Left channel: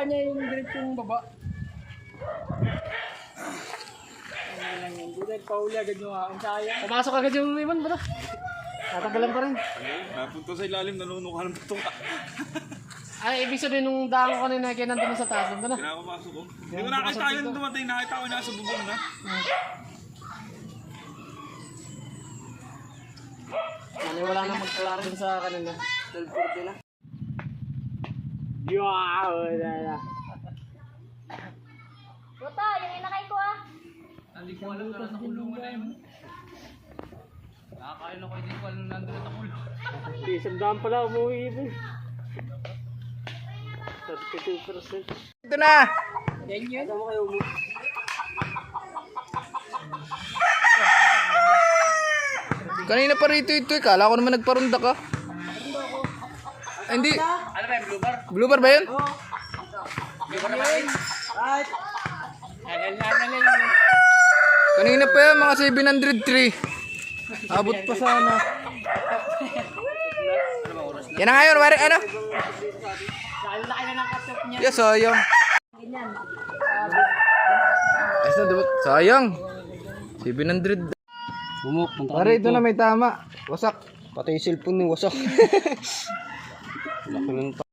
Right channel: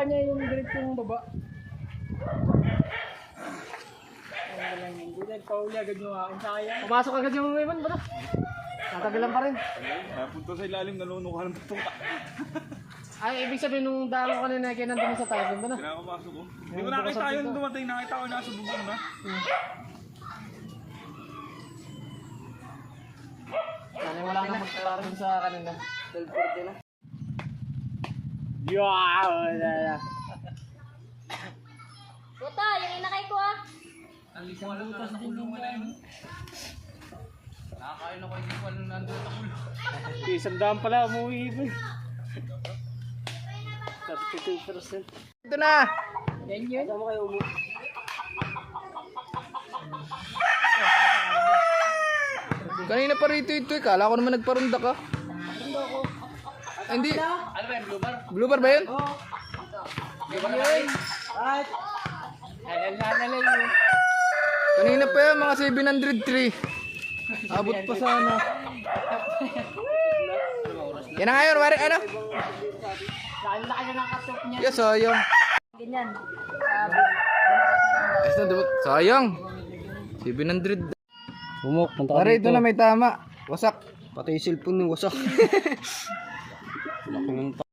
baba niya yung diretsong baba. Ano lang yun. Dahil pauli agad yung akin. Sayang. Pumasok agad yung iman ba na? Tatagalan pa rin. Napunta sa ilalim, nanunuka ng patuka. Ay, ibig sabihin nung daan ko kanina kaya nandun sa taas ba na? Pinakapasok ko. Hindi ko nakita yun dumating, nakita ko nasa bubong na. Ano, wala nang magkalaro dun sa kanina. 12:40 na. Wow! Buta, yung inakay ko ah. Hindi ko alam na nasa kulungan na yun. Nakakain ako, hindi ko alam na nandun na kulungan. Isang daan pala umuwi ito. 32%. Ito na! Yan yun. Tama kayo umuwi. Kanina pa rito ito eh. Kala ko naman nagparunda ka. Ay, hindi. Ano ba yung blue bar? Blue bar ba yun? Blue bar na ba yun? Right. Halal. Kanina pa yan, mga 703. Abot pa sana. Yan na ngayon, wari ano? Dahil laki na ng katop niya. Yeah, sayang. Ganyan. Ayos na, dubot. Sayang. 700. Pare, ito na may tama. Wasak. Pati yung cellphone ni wasak. Laki ng